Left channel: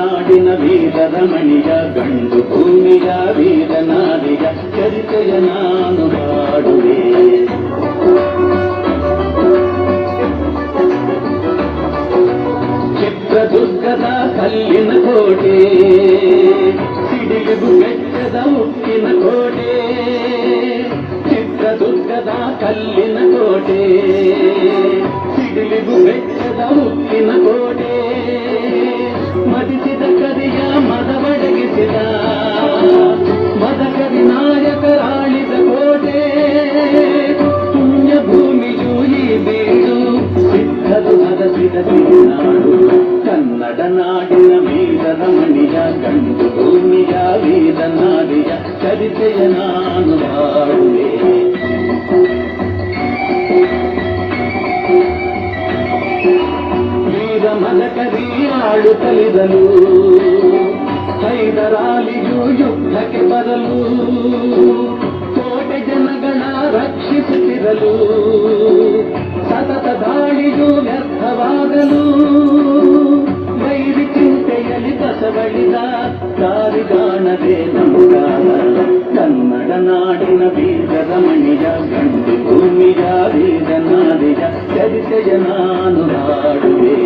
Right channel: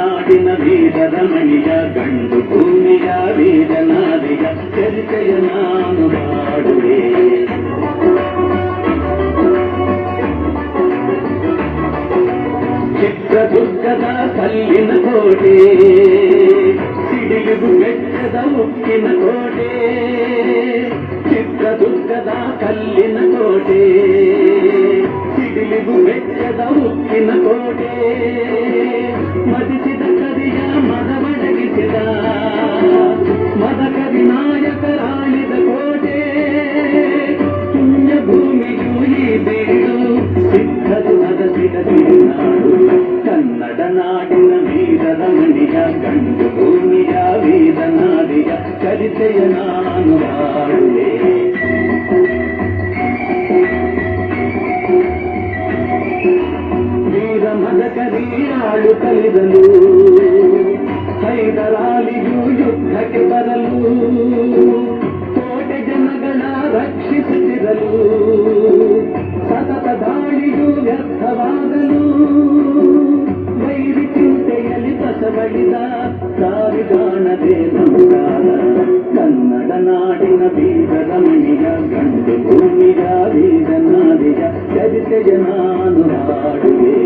ನಾಡಿನ ವೀರರ ಮಣಿಯ ಗಂಡು ಭೂಮಿಯ ವೀರನಾರಿಯ ಚರಿತೆಯ ನಾನು ಹಾಡುವೆ. ಚಿತ್ರದುರ್ಗದ ಕಲ್ಲಿನ ಕೋಟೆ, ಸಿಡಿಲಿಗೂ ಬೆಟ್ಟದ ಉಕ್ಕಿನ ಕೋಟೆ. ಚಿತ್ರದುರ್ಗದ ಕಲ್ಲಿನ ಕೋಟೆ, ಸಿಡಿಲಿಗೂ ಬೆಟ್ಟದ ಉಕ್ಕಿನ ಕೋಟೆ. ಮದಿಸಿದ ಕರಿಯ ಮದವಡಗಿಸಿದ ಮದಕರಿ ನಾಯಕರಾಳಿದ ಕೋಟೆ. ಪುಣ್ಯ ಭೂಮಿಯು ಈ ಬೀಡು, ಸಿದ್ಧದು ಹದಸಿದ ಸಿರಿನಾಡು. ಕನ್ನಡ ನಾಡಿನ ವೀರರ ಮಣಿಯ ಗಂಡು ಭೂಮಿಯ ವೀರನಾರಿಯ ಚರಿತೆಯ ನಾನು ಹಾಡುವೆ. ವೀರ ಮದಕರಿ ಆಳುತ್ತಲಿರಲು, ಹೈದರಾಲಿಯು ಯುದ್ಧಕ್ಕೆ ಬರಲು, ಕೋಟೆ ಜನಗಳ ರಕ್ಷಿಸುತ್ತಿರಲು, ಸತತ ದಾಳಿಯು ವ್ಯರ್ಥವಾಗಲು. ವೈರಿ ಚಿಂತೆಯಲ್ಲಿ ಕಸಬಳಿದ ದಾರಿಗಾಣದೆ ನಮಗಾರ. ಕನ್ನಡ ನಾಡಿನ ವೀರರ ಮಣಿಯ ಗಂಡು ಭೂಮಿಯ ವೀರನಾರಿಯ ಚರಿತೆಯ ನಾನು ಹಾಡುವೆ.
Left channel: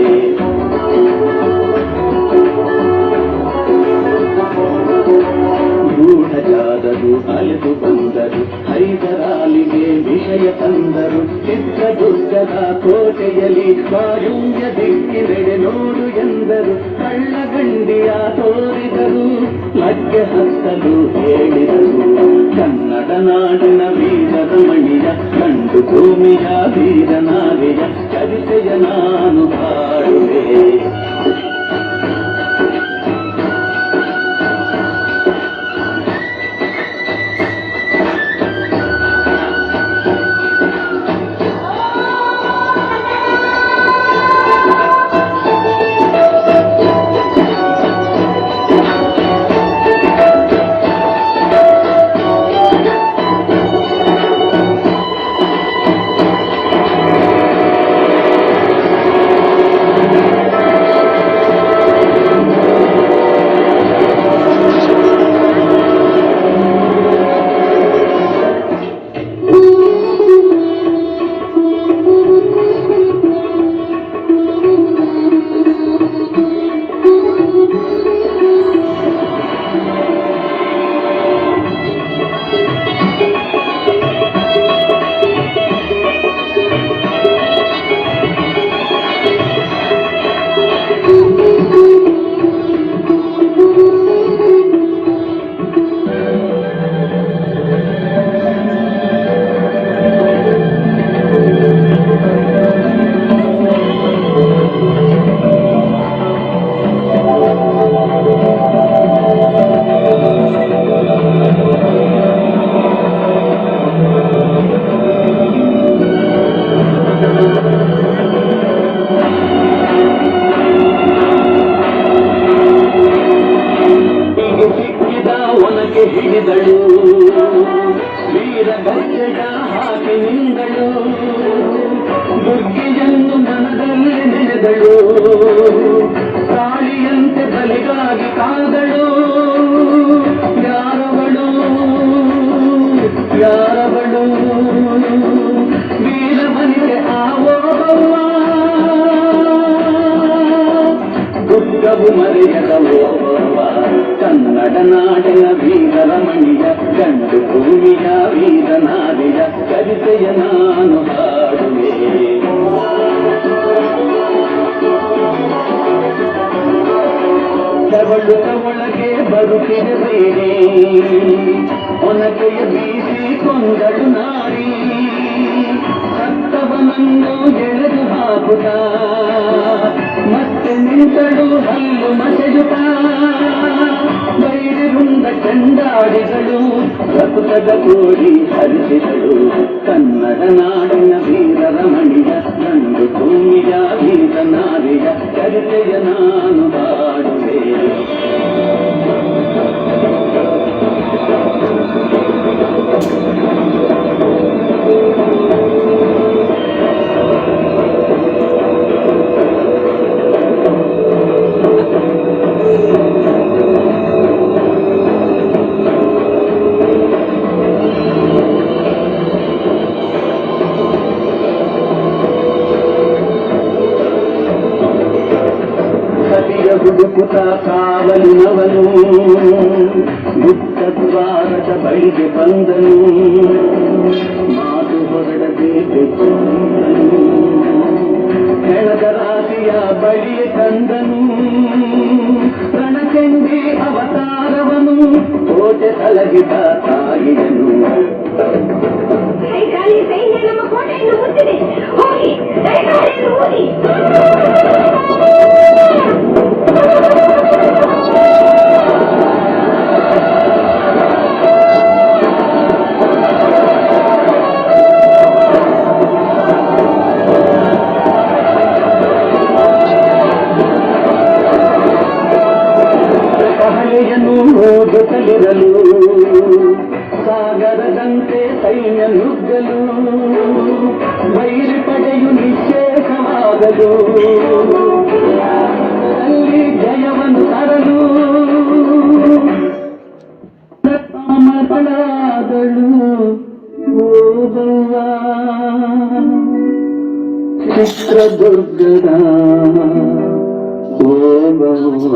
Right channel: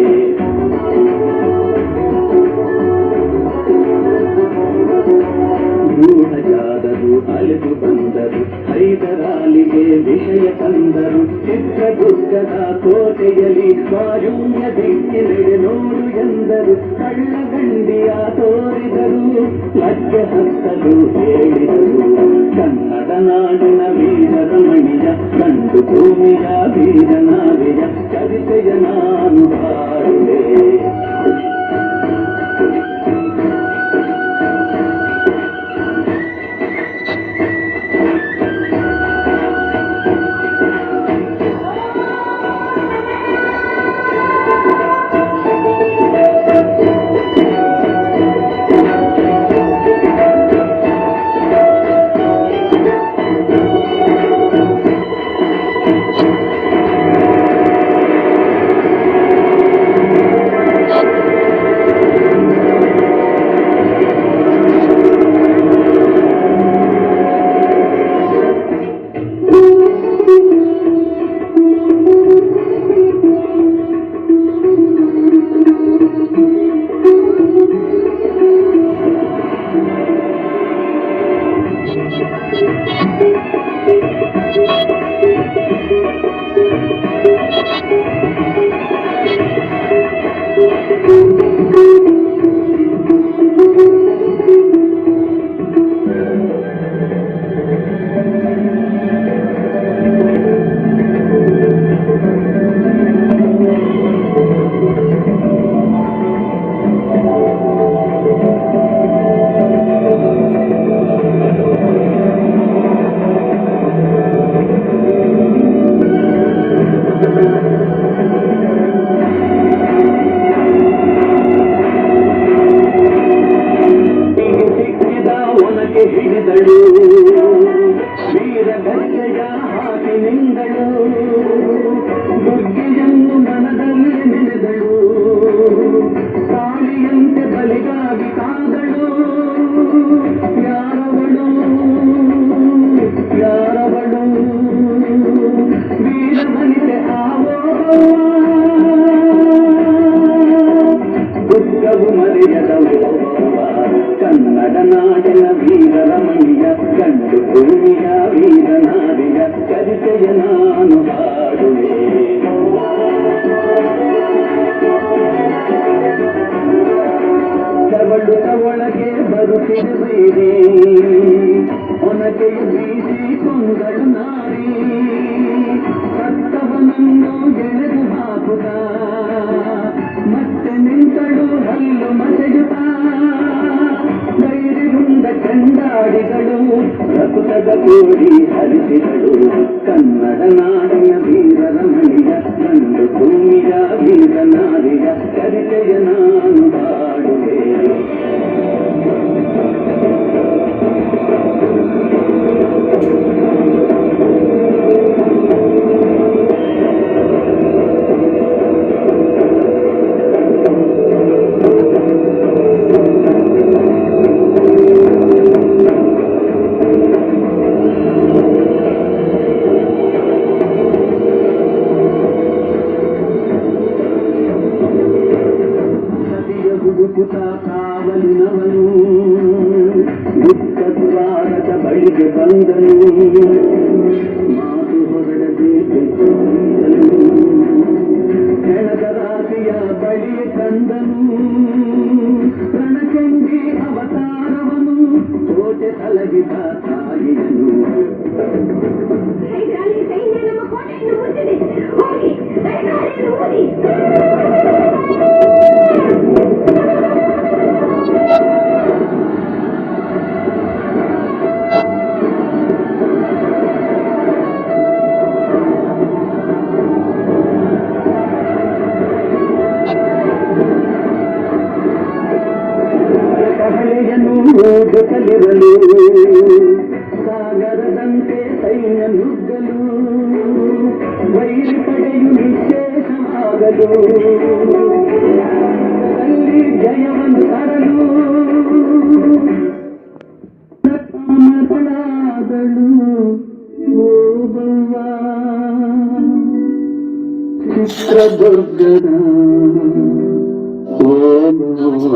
ಗೂಢಚಾರರು ಅಲೆದು ಬಂದರು, ಹೈದರಾಲಿಗೆ ವಿಷಯ ತಂದರು. ಚಿತ್ರದುರ್ಗದ ಕೋಟೆಯಲ್ಲಿ ವಾಯುವ್ಯ ದಿಕ್ಕಿನೆಡೆ ನೋಡು ಎಂದರು. ಕಳ್ಳಗಂಡಿಯ ತೋರಿದರು, ಲಗ್ಗೆ ಹತ್ತಲು ಹೇಳಿದರು. ಕನ್ನಡ ನಾಡಿನ ವೀರರ ಮಣಿಯ ಗಂಡು ಭೂಮಿಯ ವೀರನಾರಿಯ ಚರಿತೆಯ ನಾನು ಹಾಡುವೆ. ಹಿಡಿದಳು ವೀರ ಗಜ್ಜೆಯ ಹಾಕಿ ನಿಂದಳು. ದುರ್ಗಿಯನ್ನು ಮನದಲ್ಲಿ ನೆನೆದಳು, ಕಾಳಿಯಂತೆ ಬಲಿಗಾಗಿ ಕಾದಳು. ಯಾರವಳು ಯಾರವಳು ವೀರಮನಿಗೆ ಆವೋಬವ್ವ. ದುರ್ಗವು ಮರೆಯದ ಓಬವ್ವ. ಕನ್ನಡ ನಾಡಿನ ವೀರರ ಮಣಿಯ ಗಂಡು ಭೂಮಿಯ ವೀರನಾರಿಯ ಚರಿತೆಯ ನಾನು ಹಾಡುವೆ. ಕವಳುತ್ತ ಒಳಗೆ ಬರುತ್ತಿದೆ ಬೈರಿ, ಒನಕೆಯ ಬೀಸಿ ಕೊಂದಳು ನಾರಿ. ಸತ್ತವನನ್ನು ಎಳೆದು ಹಾಕುತ್ತ ಮತ್ತೆ ನಿಂತಳು ಹಲ್ಲು ಮಸೆಯುತ್ತ. ಬೈರಿರುಂಡ ಚಂಡಾಡಿಗಳು, ರಕುತದ ಕೋಡಿ ಹರಿಸಿದಳು. ಕನ್ನಡ ನಾಡಿನ ವೀರರ ಮಣಿಯ ಗಂಡು ಭೂಮಿಯ ವೀರನಾರಿಯ ಚರಿತೆಯ ನಾನು ಹಾಡುವೆ. ಹುಡುಕುತ್ತ ಕಾವಲಿನವನು ಗುಪ್ತ ದ್ವಾರದ ಬಳಿಗೆ ಬಂದನು. ಮಾತು ಹೊರಡದೆ ಹೆಣದ ರಾಶಿಯ ಬಳಿಗೆ ತಂದನು. ರಣಚಂಡಿ ಅವತಾರವನು ಕೋಟೆ ಸಲಹಿದ ತಾಯಿಯನು. ಜೊತೆಲಿರಲು ಸಾಗರದಂತೆ ಸೈನ್ಯ ನುಗ್ಗಲು ವೈರಿ ಪಡೆಯು ನಿಶ್ಚೇಷವಾಗಲು ಅಲ್ಲಿ ಜಯವನ್ನು ತರಲು ಮಗಳಾದಳು ಓಬವ್ವ ಚಿತ್ರದುರ್ಗದ ಓಬವ್ವ.